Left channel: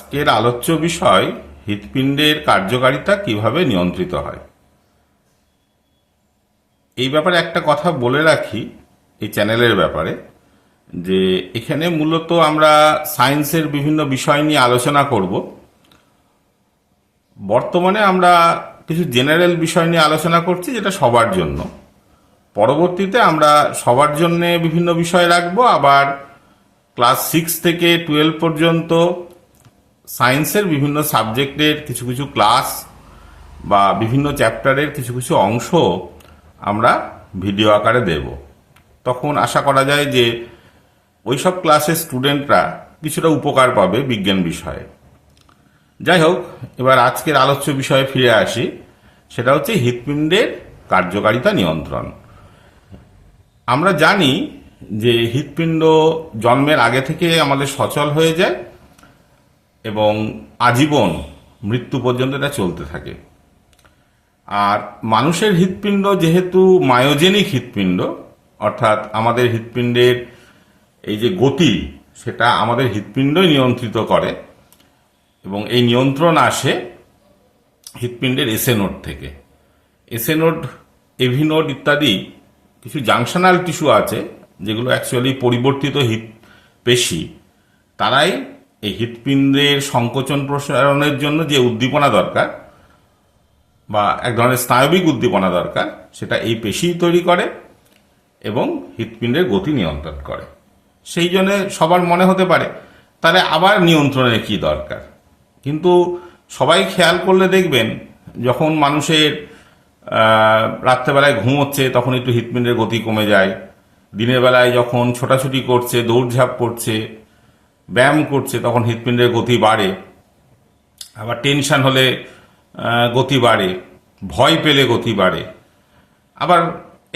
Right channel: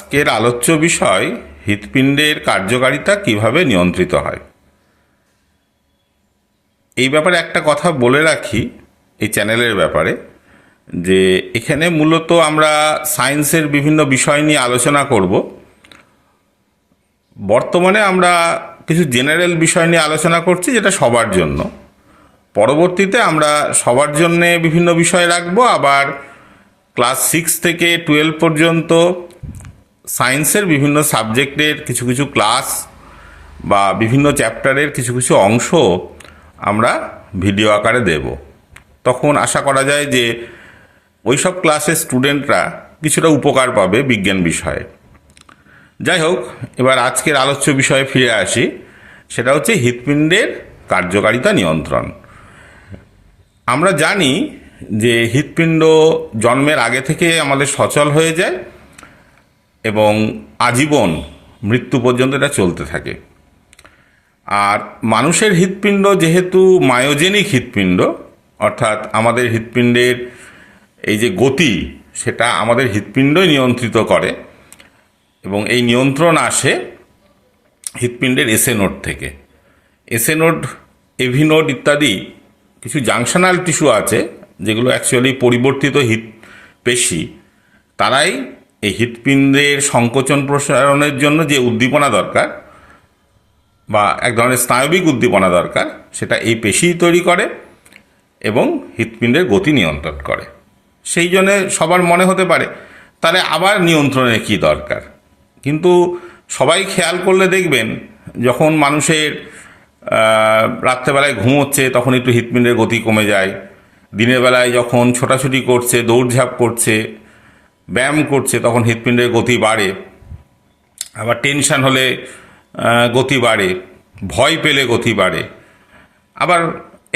আজকের আলোচ্য বিষয় হৃৎপিণ্ডের কার্যকারিতা কিভাবে নিয়ন্ত্রিত হয়। এই ব্যাপারে একটা কথা বলে রাখি এই চ্যানেলের ব্যাপারে, যে এখানে মূলত আমরা সায়েন্সের বিভিন্ন বিষয় নিয়ে আলোচনা করব। বর্তমানে আমরা কিছু জেনারেল বিষয় নিয়ে আলোচনা করছি, যেটা সবার জন্য। পরবর্তীতে আমরা সবার জন্য বিভিন্ন বিষয় রাখবো, আবার ক্লাস 6 থেকে 12 পর্যন্ত সায়েন্সের বিভিন্ন সাবজেক্টের কিছু কিছু ক্লাস বা বিভিন্ন চ্যাপ্টারের কিছু কিছু অংশ আমরা ভিডিও আকারে দেব। তখন আশা করা যায় যে ওই সব ক্লাসের স্টুডেন্টরা কিছুটা উপকার পাবে বিজ্ঞান বিষয়ে। যাই হোক, এবার আজকের আলোচ্য বিষয়ে ফিরে আসি। সেটা হচ্ছে হৃৎপিণ্ডের কার্যকারিতা নিয়ন্ত্রণ। আমরা জানি যে হৃৎপিণ্ড জন্মের আগে থেকে আমাদের সচল হয়ে যায় এবং আজীবন মৃত্যু পর্যন্ত এটা চলতে থাকে। আর মানুষের হৃৎপিণ্ড যেহেতু মায়োজেনিক হৃৎপিণ্ড, অর্থাৎ আমাদের হৃৎপিণ্ডের এই যে গতি, সেটা আমাদের হৃৎপিণ্ডই নিয়ন্ত্রিত করে এবং এই নিয়ন্ত্রণ আসে হৃৎপিণ্ডের এসএ নোড থেকে। এসএ নোড, এভি নোড ইত্যাদি কিছু জাংশনাল টিস্যু আছে, যেগুলো অ্যাকচুয়ালি পরিবর্তিত পেশি। তারাই এই হৃৎপিণ্ডের সংকোচন প্রসারণের জন্য যে উদ্দীপনা দরকার বা এক ধরনের স্নায়বিক উদ্দীপনা দরকার, সেটা এই পেশিই তৈরি করে এবং হৃৎপিণ্ডের গতি নিয়ন্ত্রণ করে। সেই জন্যে সবার মনে হতে পারে তাহলে আবার নিয়ন্ত্রণের কী দরকার। কিন্তু সবাই খেয়াল করলে দেখবেন, যখন মানুষের রাত্রেবেলায় ঘুমোচ্ছে তখন একটু হৃৎপিণ্ডের গতি কমে যায়, দিনের বেলায় যখন ছোটাছুটি করছে, দৌড়ঝাঁপ করছে, ব্যায়াম করছে, তখন হৃৎপিণ্ডের গতি বাড়ে। আবার টেনশন হলে গতি বাড়ে, ভয় পেলে গতি বাড়ে। আবার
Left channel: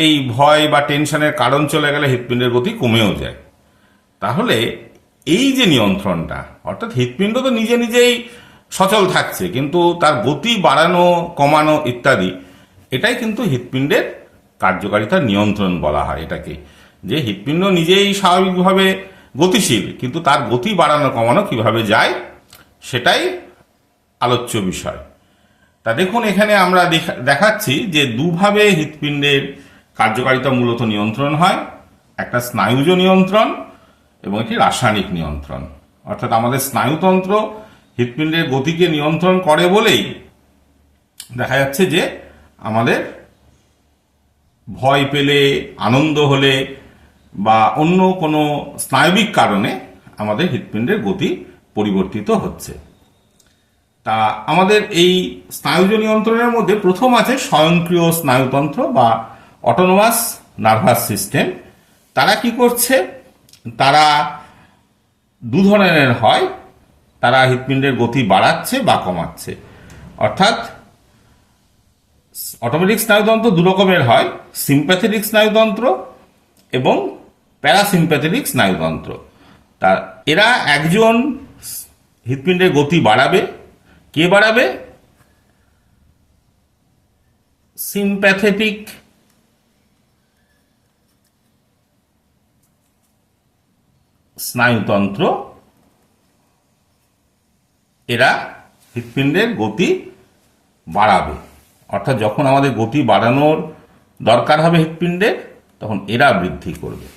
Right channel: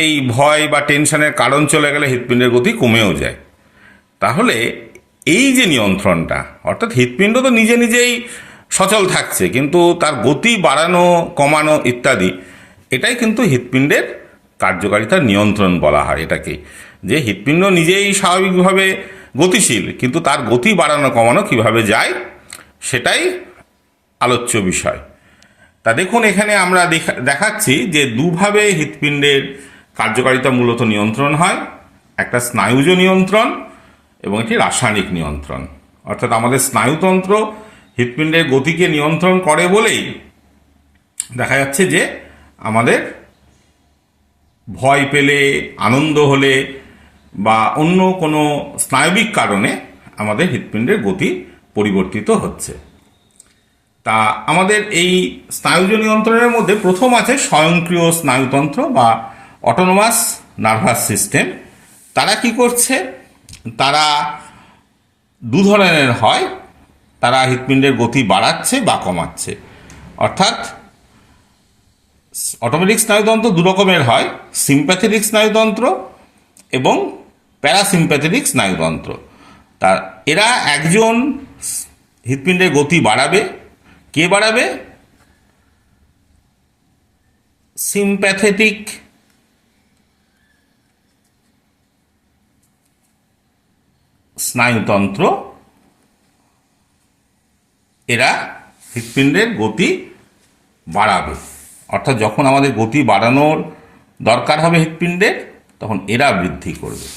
এই ভয় বা টেনশনের কারণ চলে গেলে হৃৎপিণ্ডের গতি কমেও যায়। তাহলে এই যে নিয়ন্ত্রণটা, অর্থাৎ হৃৎপিণ্ড তো নিজে নিজেই সচল থাকছে, কিন্তু তার গতি বাড়ানো কমানো ইত্যাদি, এটাই কিন্তু হৃৎপিণ্ডের কার্যকারিতার নিয়ন্ত্রণ বলা হয় এটাকে। যে হৃৎপিণ্ড নিজেই স্বাভাবিকভাবে গতিশীল, কিন্তু তার গতি বাড়ানো কমানো কিভাবে যায়, সেটাই আলোচ্য বিষয়। তা দেখুন, এখানে আমরা দেখাচ্ছি যে দুভাবে হৃৎপিণ্ডের কার্যকারিতা মূলত নিয়ন্ত্রণ হয়। একটা স্নায়ুজ নিয়ন্ত্রণ এবং একটি রাসায়নিক নিয়ন্ত্রণ। অর্থাৎ আমাদের স্নায়ুতন্ত্র হৃৎপিণ্ডের গতিকে নিয়ন্ত্রণ করে বলেই দেখা যাচ্ছে যে আমাদের ভয় পেলে, আনন্দ হলে বা অন্য কোনো স্নায়বিক কারণে আমাদের হৃৎপিণ্ডের গতি পরিবর্তিত হচ্ছে। তা আমাদের এই স্নায়ুজ নিয়ন্ত্রণের মধ্যে প্রথম আছে স্বয়ংক্রিয় স্নায়ুতন্ত্র বা অটোনোমাস নার্ভাস সিস্টেম। তারা কি করছে? তারা দু ধরনের হয়। তারা হৃৎপিণ্ডের গতি বাড়াচ্ছে বা কমাচ্ছে। অর্থাৎ অটোমেটিক স্নায়ুতন্ত্র দু রকমের হয়, সিম্প্যাথেটিক স্নায়ুতন্ত্র এবং প্যারাসিম্প্যাথেটিক স্নায়ুতন্ত্র। তা এরা একজন হৃৎপিণ্ডের গতি বাড়াবে। কে বাড়াবে? সিম্প্যাথেটিক স্নায়ুতন্ত্র, এরা হৃৎপিণ্ডের গতি বাড়াবে। অর্থাৎ যখন আমাদের গতি বাড়ানোর দরকার হবে হৃৎপিণ্ডের, তখন এরা বৃদ্ধি করবে।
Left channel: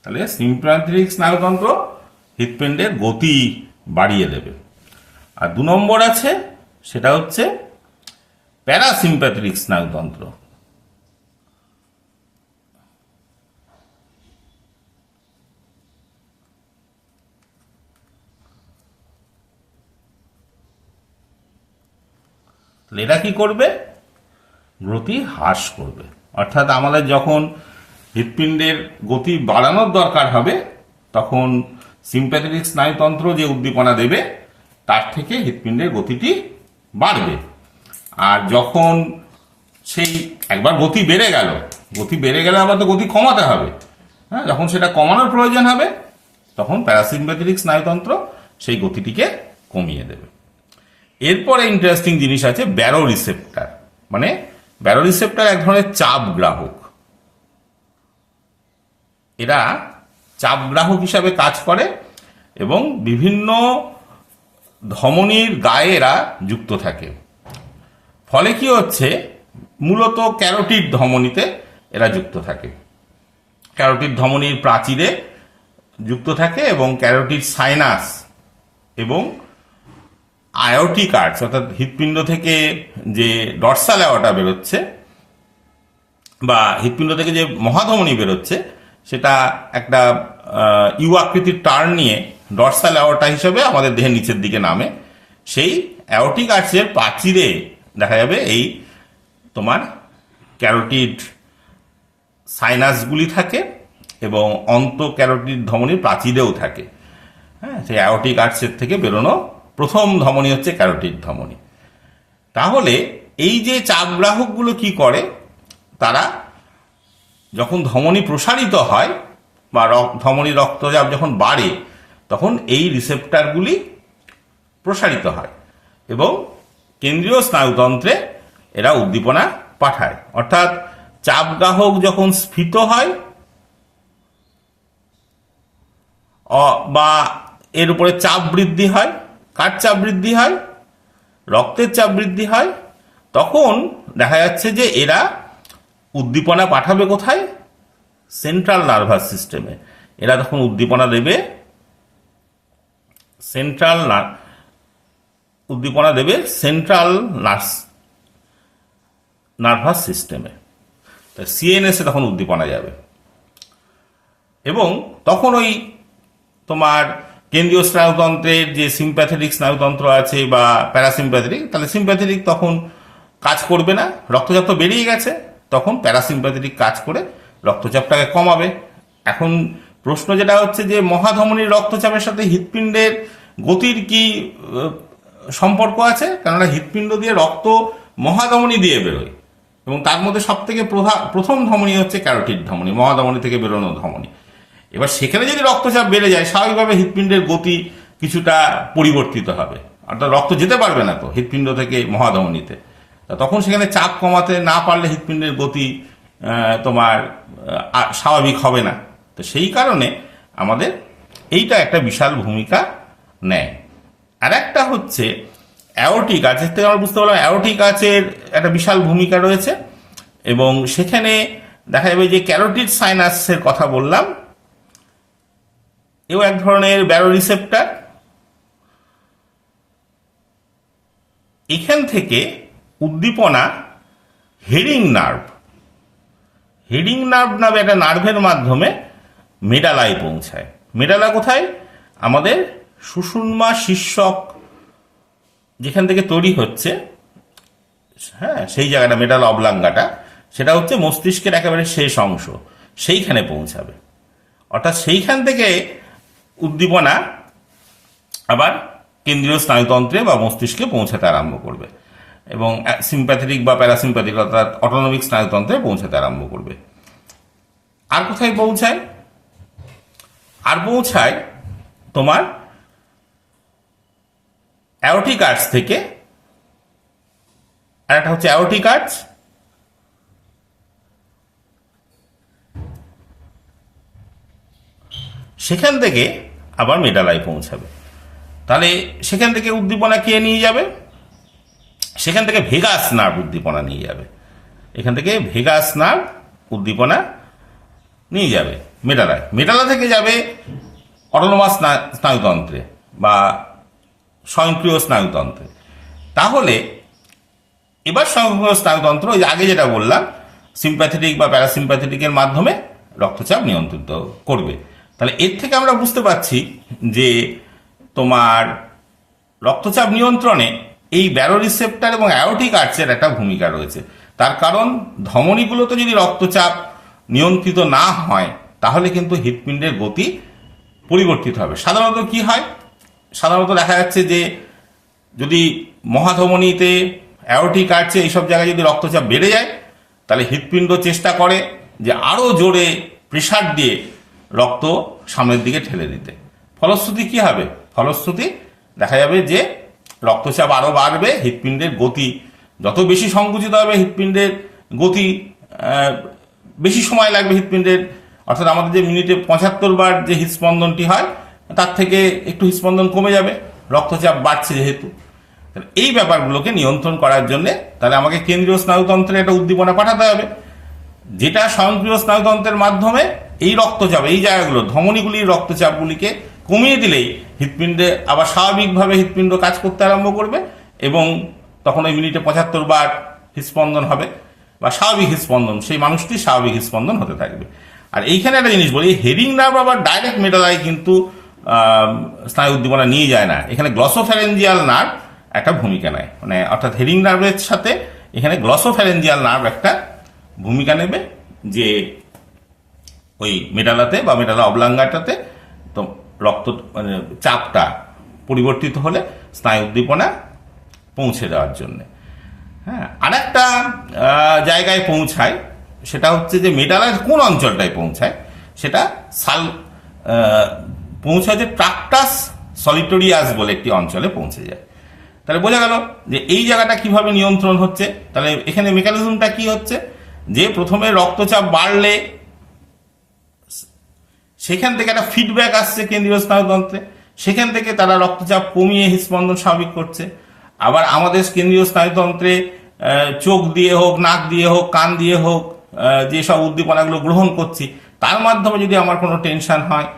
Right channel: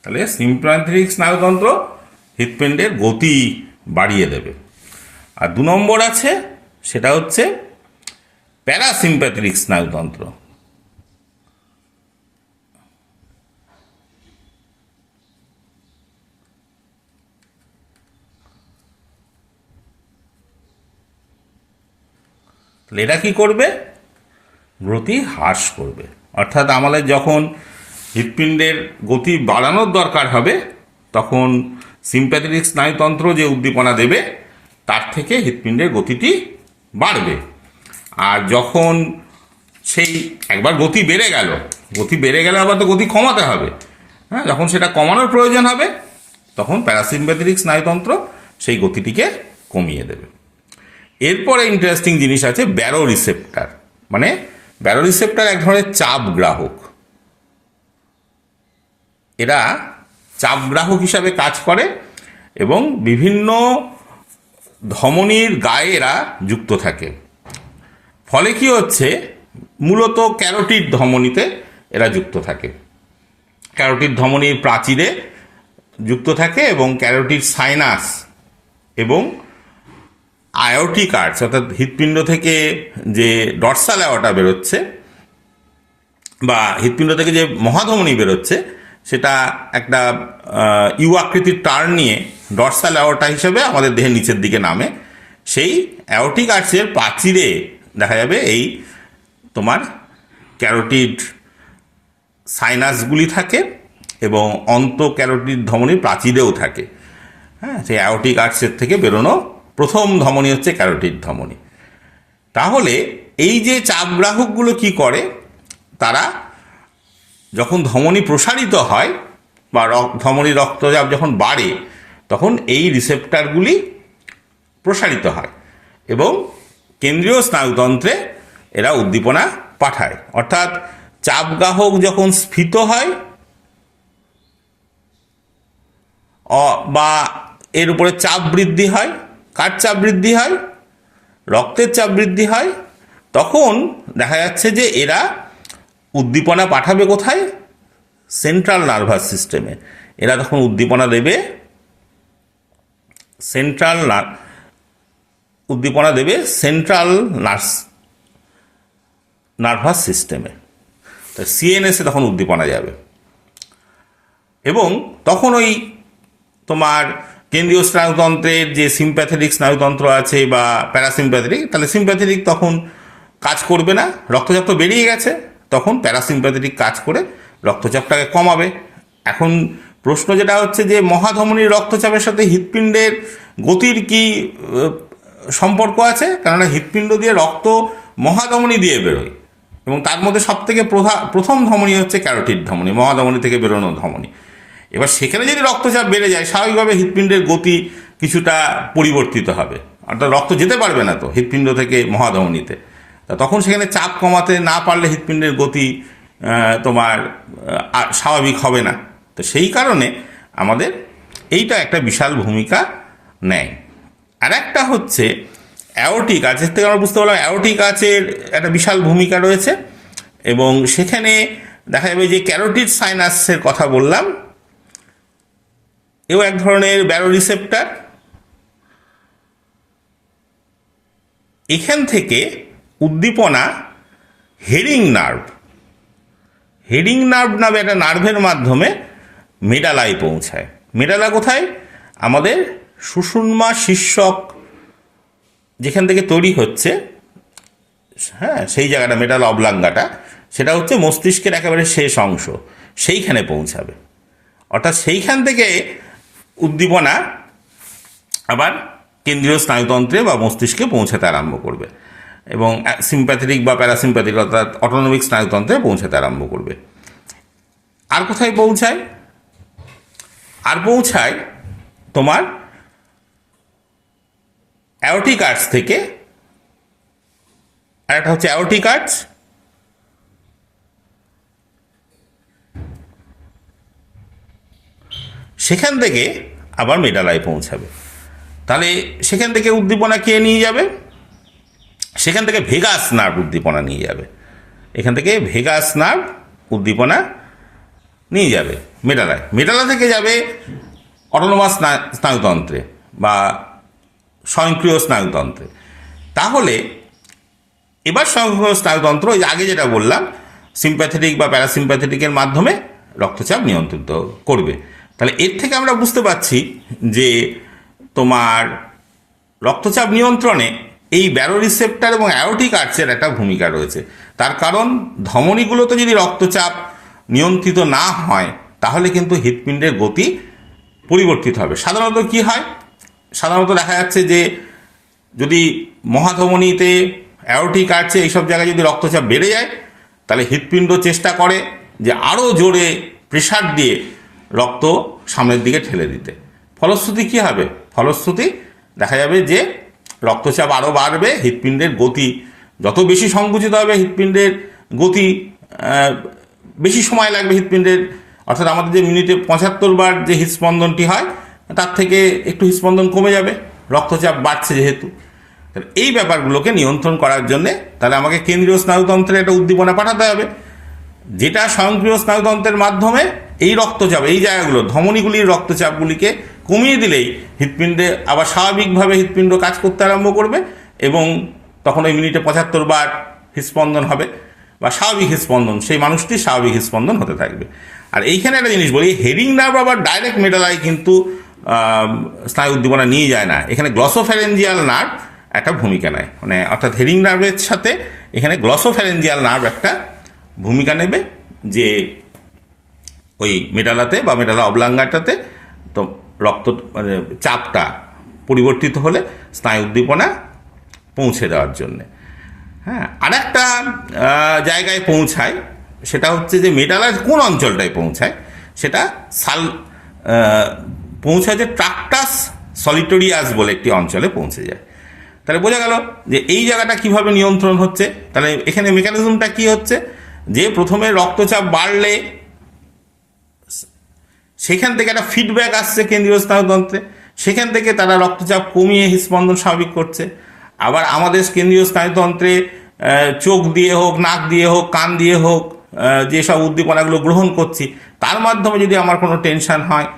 তাহলে সিম্প্যাথেটিক স্নায়ুতন্ত্র হৃৎপিণ্ডের গতি বাড়িয়ে দেবে। আর দু নম্বর আছে, সেটা হচ্ছে প্যারাসিম্প্যাথেটিক স্নায়ুতন্ত্র। এরা কি করবে? গতি হ্রাস করবে। অর্থাৎ আমাদের যখন হৃৎপিণ্ডের গতি বাড়ানোর দরকার হবে, তখন সিম্প্যাথেটিক স্নায়ুতন্ত্র যে উদ্দীপনা দেবে, তার থেকে হৃৎপিণ্ডের গতিটি বাড়বে। আর যখন সেই একবার গতি বেড়ে গেলে আবার তো গতি কমাতে হবে। হ্যাঁ, যখন সেটা কমানোর প্রয়োজন হবে, তখন প্যারাসিম্প্যাথেটিক স্নায়ুতন্ত্র সেই গতিটিকে কমিয়ে দেবে। এরপরে ইন্টারেস্টিং জিনিস আছে ব্যারো রিসেপ্টার। মানে ব্যারো রিসেপ্টার এক ধরনের চাপ গ্রাহক। এরা চাপ গ্রাহক হিসাবে কাজ করে এবং বিভিন্ন ধমনীর গায়ে এরা যুক্ত থাকে। ফলে কি হচ্ছে, মূলত ক্যারোটিড ধমনীতে এরা যুক্ত থাকে, ক্যারোটিড ধমনীর প্রাচীরে যুক্ত থাকে এবং ক্যারোটিড সাইনাস এবং আয়োটিক আর্চ অর্থাৎ হৃৎপিণ্ড থেকে যে ডর্সাল অ্যাওর্টা বেরোচ্ছে বা হৃৎপিণ্ড থেকে যে মহাধমনী বেরোচ্ছে সেটা একটা ইউ আকৃতির টার্ন নিয়ে ডর্সাল অ্যাওর্টা হিসেবে আমাদের দেহের নিচের দিকে নামে। সেই অ্যাওর্টিক আর্চের প্রাচীরে দেখা যাবে এই তোমার ক্যারোটিড সাইনাসগুলি থাকে এবং ক্যারোটিড ধমনীর প্রাচীরেও থাকে। হ্যাঁ, সেই অ্যাওর্টিক আর্চের থেকে বেরোনো প্রথম ধমনী হচ্ছে ক্যারোটিড ধমনী। তাহলে এই যে চাপগ্রাহকগুলো কি করে, তারা যখন ধমনী প্রসারিত হয় বা ধমনী রক্তচাপ যখন বাড়ে তখন এই রিসেপ্টরগুলি প্রসারিত হয় এবং কেন্দ্রীয় স্নায়ুতন্ত্রে এরা উদ্দীপনা পাঠায়। অর্থাৎ চাপগ্রাহক যখন স্ফীত হয় বা এর উপরে চাপ বৃদ্ধি হয়, কার চাপ বৃদ্ধি হয়, রক্তের চাপ বৃদ্ধি হয়, তখন দেখা যাচ্ছে যে এরা উদ্দীপনা পাঠাবে কোথায়, সেন্ট্রাল নার্ভাস সিস্টেমে। এরা তখন উদ্দীপনা দেবে সেন্ট্রাল নার্ভাস সিস্টেমে, সিএনএসে তখন উদ্দীপনা যাবে এবং তখন ওই তোমার কেন্দ্রীয় স্নায়ুতন্ত্রের যে সিম্প্যাথেটিক স্নায়ুতন্ত্র আছে বা প্যারাসিম্প্যাথেটিক, তাহলে সিম্প্যাথেটিক তখন কাজ করবে না, রক্তচাপ তো বেরিয়ে গেছে, তখন প্যারাসিম্প্যাথেটিক কাজ করে রক্তচাপটাকে কমাবে। এখন প্রশ্ন যেটা হচ্ছে যে মহাধমনীর রক্তচাপের সাথে হৃৎপিণ্ডের গতির কি সম্পর্ক আছে, কেননা হৃৎপিণ্ড দিয়ে রক্ত মহাধমনী দিয়ে বেরোয় এবং তার মধ্যে সব থেকে প্রথম ধমনী হচ্ছে ক্যারোটিড ধমনী, মহাধমনী থেকে বেরোনো ধমনী। এবার সেখানে যদি রক্তচাপ বেড়ে যায় স্বাভাবিকভাবে হৃৎপিণ্ডের গতি কিছুটা পরিবর্তিত হবে, অর্থাৎ রক্ত যেতে পারবে না তো হৃৎপিণ্ড থেকে মহাধমনীতে, তখন সেখানে চাপ কমাতে না পারলে হৃৎপিণ্ডের গতি তোমার স্বাভাবিক হবে না। তো সেই কারণে আমাদের এইটা একটা বিশাল ভূমিকা নেয়। আর একটা হচ্ছে অ্যাওর্টিক আর্চ, থেকে আমরা বুঝতে পারলাম অ্যাওর্টিক আর্চের একটা বিশাল ভূমিকা রয়েছে এবং সেখানে দেখা যাবে যে ক্যারোটিড সাইনাসের কথা বললাম, এও এক ধরনের ব্যারো রিসেপ্টর। এখান থেকে উদ্দীপনা হেডিং নার্ভ নামে একটা নার্ভের মাধ্যমে মেডালায় পৌঁছায়। মেডালা কোথায়, আমাদের সুষুম্না শীর্ষক যেখান থেকে তৈরি হচ্ছে, হ্যাঁ সেই জায়গাটা মেডালা অবলাঙ্গাটা, সেটা হচ্ছে মস্তিষ্কের একেবারে শেষ অংশ, সেইখানে পৌঁছাবে। অর্থাৎ সেইখান থেকে উদ্দীপনা আবার কেন্দ্রীয় স্নায়ুতন্ত্রে বা মস্তিষ্কে পৌঁছাতে আরম্ভ করবে এবং সিম্প্যাথেটিক বা প্যারাসিম্প্যাথিক অর্থাৎ অটোনমিক স্নায়ুতন্ত্রে পৌঁছাতে আরম্ভ করবে। আর কোথায় পৌঁছায়, আর পৌঁছায় তোমার অ্যাওর্টিক আর্চ থেকে, আর একটা হচ্ছে অ্যাওর্টিক আর্চ, সেখান থেকে আবার মেডালায় পৌঁছাবে। তাহলে সেখান থেকে উদ্দীপনা কে নিয়ে যাবে, সেখান থেকে ভেগাস নার্ভ উদ্দীপনা নিয়ে যাবে, এখান থেকে ভেগাস নার্ভ উদ্দীপনা নিয়ে যাবে মেডালায়। মেডালা থেকে যাবে অটোনোমাস স্নায়ুতন্ত্রে বা স্বয়ংক্রিয় স্নায়ুতন্ত্রে। তাহলে এবার স্বয়ংক্রিয় স্নায়ুতন্ত্র ওই আগে যেটা বললাম সিম্প্যাথেটিক বা প্যারাসিম্প্যাথেটিকের মাধ্যমে রক্তচাপ নিয়ন্ত্রিত করবে। তাহলে এর থেকে আমরা বুঝতে পারছি যে তোমার রক্তচাপ নিয়ন্ত্রণে এই ব্যারো রিসেপ্টর এবং অ্যাওর্টিক আর্চের একটা ভূমিকা রয়েছে। তার কারণ ধমনীগুলোতে যদি রক্তচাপ নিয়ন্ত্রিত না হয় তাহলে কিন্তু হৃৎপিণ্ডের গতি পরিবর্তিত হবে। সাধারণত কি হয়, সাধারণত দেখা যাচ্ছে যে যদি মহাধমনীতে অ্যাওর্টিক আর্চে এইসব জায়গায় যদি রক্তচাপ বেড়ে যায় তাহলে হৃৎপিণ্ড চেষ্টা করে যে আরও জোরে প্রেসার দিয়ে রক্ত সামনের দিকে ঠেলে দিতে। ফলশ্রুতি কী হবে, ফলশ্রুতি দেখা যাবে যে রক্তচাপ আরও বাড়বে, হৃৎপিণ্ডের গতি যত বেশি সংকুচিত হবে হৃৎপিণ্ডের গতি বেশি সময় লাগবে হৃৎপিণ্ডের, অর্থাৎ আমাদের যে মিনিটে 75 বার যে হৃৎস্পন্দনটি হয় তার থেকে একটু হৃৎস্পন্দন কমে যাবে, রক্তচাপ বাড়ছে যেহেতু। তাহলে এই ব্যাপারগুলোকে নিয়ন্ত্রণ করার জন্য তাহলে আমাকে কেন্দ্রীয় স্নায়ুতন্ত্রে একটা উদ্দীপনা পাঠাতে হবে, যেটা স্বয়ংক্রিয় স্নায়ুতন্ত্রের মাধ্যমে এই রক্তচাপ, এই জায়গাগুলো ধমনীগুলির রক্তচাপগুলিকে কমিয়ে দিলেই হৃৎপিণ্ডে আবার স্বাভাবিকভাবে হৃৎপিণ্ড কাজ করতে আরম্ভ করবে এবং তখন ওই মিনিটে 75 বার হৃৎস্পন্দন হবে বা স্বাভাবিক হৃৎস্পন্দন, সেই মানুষটির স্বাভাবিক হৃৎস্পন্দন হতে থাকবে। আর এইখানে একটা জিনিস বলি, হেডিং নার্ভ আবার ডাইরেক্ট মেডালায় কিন্তু স্নায়ু উদ্দীপনা নিয়ে যায় না, এখানে গ্লসোফ্যারেঞ্জিয়াল নার্ভ একটা ভূমিকা নেয়, মানে অর্থাৎ হেডিং নার্ভের সাথে এখানে গ্লসোফ্যারেঞ্জিয়াল নার্ভ একটা ভূমিকা নেবে, যে ওই মেডালাতে বা মেডালা অবলাঙ্গাটাতে তো রক্ত মানে চাপটা পরিবর্তিত হলে স্নায়ু উদ্দীপনা পৌঁছে দেওয়ার জন্যে। হ্যাঁ, আর একটা জায়গায় পৌঁছায়, সেটা হচ্ছে যে মেডালার কোন অঞ্চলটায় পৌঁছায়, সেটা পৌঁছায় যে ট্রাক্টাস সলিটোরিয়াস বলে একটি অঞ্চলে পৌঁছে যায়। তাহলে বোঝা গেল যে এই জায়গাটা কিভাবে নিয়ন্ত্রণ হচ্ছে। তাহলে এখানে মেকানিজমটা কি হচ্ছে, যে প্রথমে রক্তচাপ বাড়লে সেখান থেকে একটা ফিডব্যাক আসছে কেন্দ্রীয় স্নায়ুতন্ত্রে, সেখান থেকে তারা রক্তচাপ কমিয়ে হৃৎস্পন্দন স্বাভাবিক করছে। আবার আমাদের কেন্দ্রীয় স্নায়ুতন্ত্রে চোখ দিয়ে হোক, নাক দিয়ে হোক, কান দিয়ে হোক, যেসব উদ্দীপনাগুলো গ্রহণ করছি তার মাধ্যমে যদি আমার কোনো টেনশন হয়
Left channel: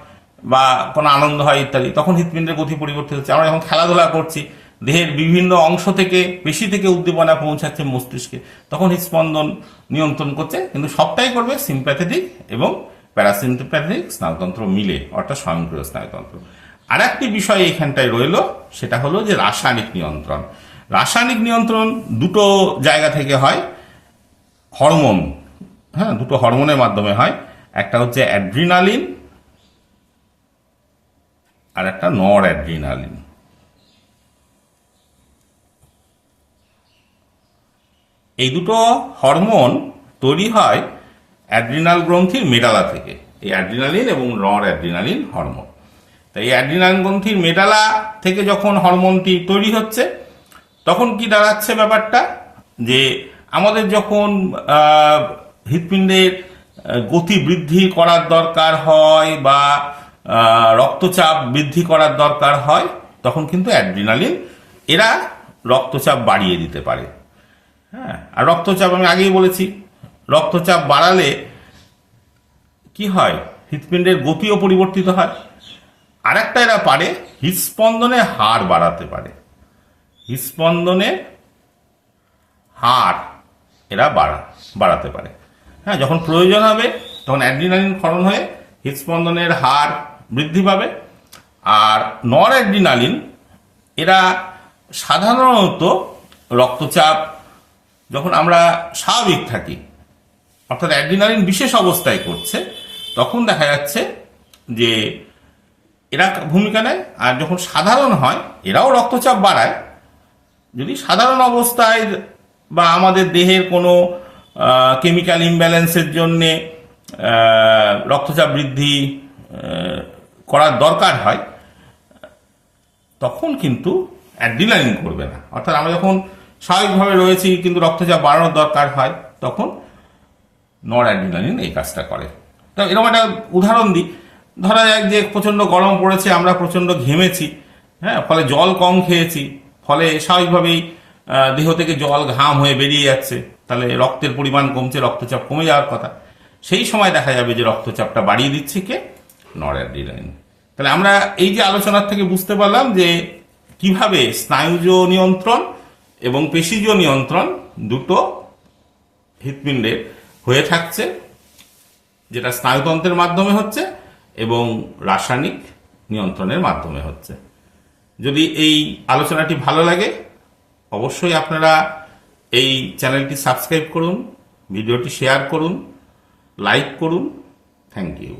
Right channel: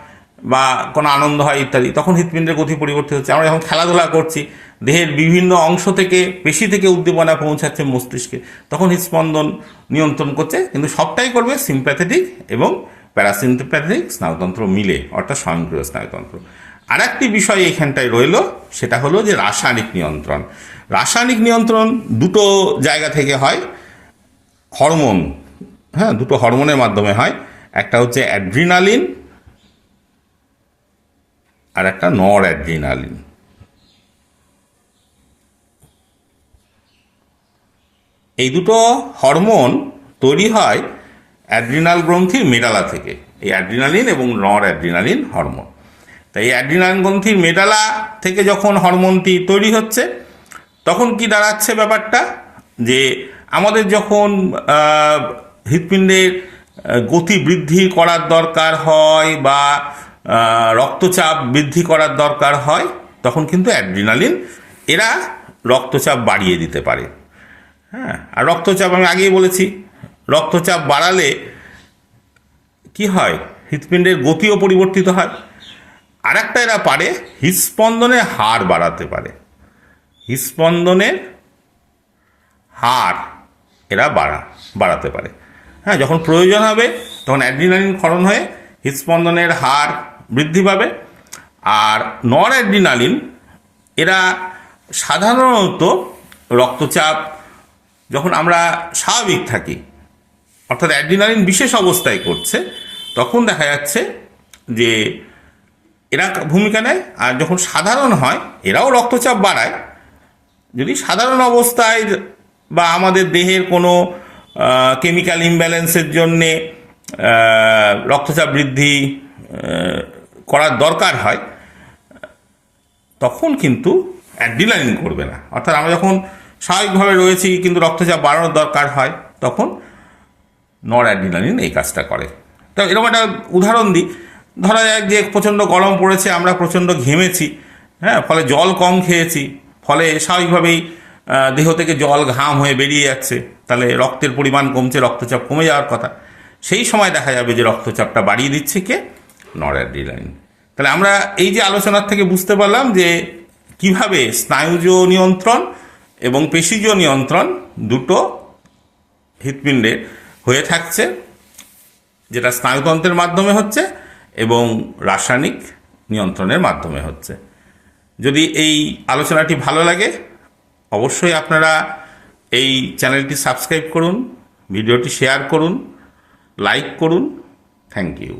বা কোনো আনন্দ হয় ইত্যাদি, তখন হৃৎপিণ্ডের গতি পরিবর্তিত হচ্ছে। আমরা যখন খেলাধুলা করছি, দেহের বিভিন্ন অংশ থেকে, পেশি থেকে উদ্দীপনা পৌঁছাচ্ছে মস্তিষ্কে, তখন হৃৎস্পন্দন নিয়ন্ত্রণ করছে। কিন্তু সবটাই করবে সিম্প্যাথেটিক এবং প্যারাসিম্প্যাথেটিক স্নায়ুতন্ত্র মিলে, অর্থাৎ স্বয়ংক্রিয় স্নায়ুতন্ত্র। আর একটি বিষয় এখানটায় রইল, সেটা হলো যে রাসায়নিক নিয়ন্ত্রণ। রাসায়নিক নিয়ন্ত্রণ দুটো জায়গা থেকে হয়, হরমোন, হ্যাঁ, দুটো হরমোনের মাধ্যমে হয়। একটা হচ্ছে অ্যাড্রিনালিন আর একটা নর অ্যাড্রিনালিন। এই দুটো হরমোন তৈরি হয় অ্যাড্রিনাল গ্রন্থির মেডালা থেকে, এই অ্যাড্রিনালিন এবং নর অ্যাড্রিনালিন হরমোন। তাই এই অ্যাড্রিনালিন গ্রন্থির মেডালা থেকে যখন হরমোনটি তৈরি হচ্ছে, তখন কি দাঁড়াচ্ছে ব্যাপারটা, যে আমাদের যখন হৃৎপিণ্ডের গতি বৃদ্ধি করার দরকার হয় বা রক্তচাপ বৃদ্ধি করার দরকার হয়, তখন কিন্তু অ্যাড্রিনালিন এরা রক্তচাপ বাড়িয়ে দিতে পারে। হ্যাঁ, আর রক্তচাপ আমি আগেই বলেছি, রক্তচাপ বাড়ালে কি হয়, হৃৎপিণ্ডের গতিও পরিবর্তিত হয়। আর একটা এরা পারে হৃৎস্পন্দনের হার বাড়াতে পারে, হৃৎস্পন্দনের হার এরা বাড়াতে পারে। হ্যাঁ, যখন প্রয়োজন হবে তখন অ্যাড্রিনালিন ক্ষরণ হয়ে হৃৎস্পন্দনের হার বৃদ্ধি পাবে। আর নর অ্যাড্রিনালিন এরা সাধারণত রক্তচাপ যখন আমরা স্বাভাবিক থাকি, অর্থাৎ অ্যাড্রিনালিন বিশেষ অবস্থায় করছে, তখন দেখা যাচ্ছে যে এরা ভূমিকা নেয়। আর যখন সাধারণ হয়, এরাও রক্তচাপ বাড়ায়। যদি সাধারণ অবস্থায় বা আমাদের দেহের কোনো কেমিক্যাল ইমব্যালেন্সের জন্যে রক্তচাপ বৃদ্ধি করার দরকার হয়, তখন কিন্তু অ্যাড্রিনালিন করবে না। অর্থাৎ আমরা যখন স্বাভাবিকভাবে রয়েছি কিন্তু রক্তচাপ বাড়ানোর দরকার হয়, তখন নর অ্যাড্রিনালিন এই কাজটা করে। তো এরকম একটা উদাহরণ দিই, ধরা যাক যে প্রচণ্ড গরম পড়েছে, আমরা প্রচণ্ড ঘেমেছি, হ্যাঁ, ফলে জল কম খেয়েছি, ফলে স্বাভাবিকভাবেই দেহ থেকে জল ঘাম হয়ে বেরিয়ে যাচ্ছে, তাহলে রক্তের পরিমাণ কমছে, রক্তচাপ কমে যাওয়ার কথা। সেই সময় দেখা যাবে যে রক্তচাপটা বাড়িয়ে দিচ্ছে কে, নর অ্যাড্রিনালিন। তাহলে আমরা এই যে আলোচনার থেকে বুঝতে পারলাম যে কিভাবে স্নায়ুজ নিয়ন্ত্রণ এবং পেশিজ নিয়ন্ত্রণ দুটো হৃৎপিণ্ডে হয়ে থাকছে, যেটা স্নায়ুতন্ত্রের মাধ্যমে হচ্ছে এবং রাসায়নিক নিয়ন্ত্রণের মাধ্যমে হচ্ছে। যদি এই আলোচনাটি ভালো লাগে, অবশ্যই আপনারা এই চ্যানেলটি সাবস্ক্রাইব করুন, ভিডিওটি শেয়ার করুন, লাইক করুন। Thank you.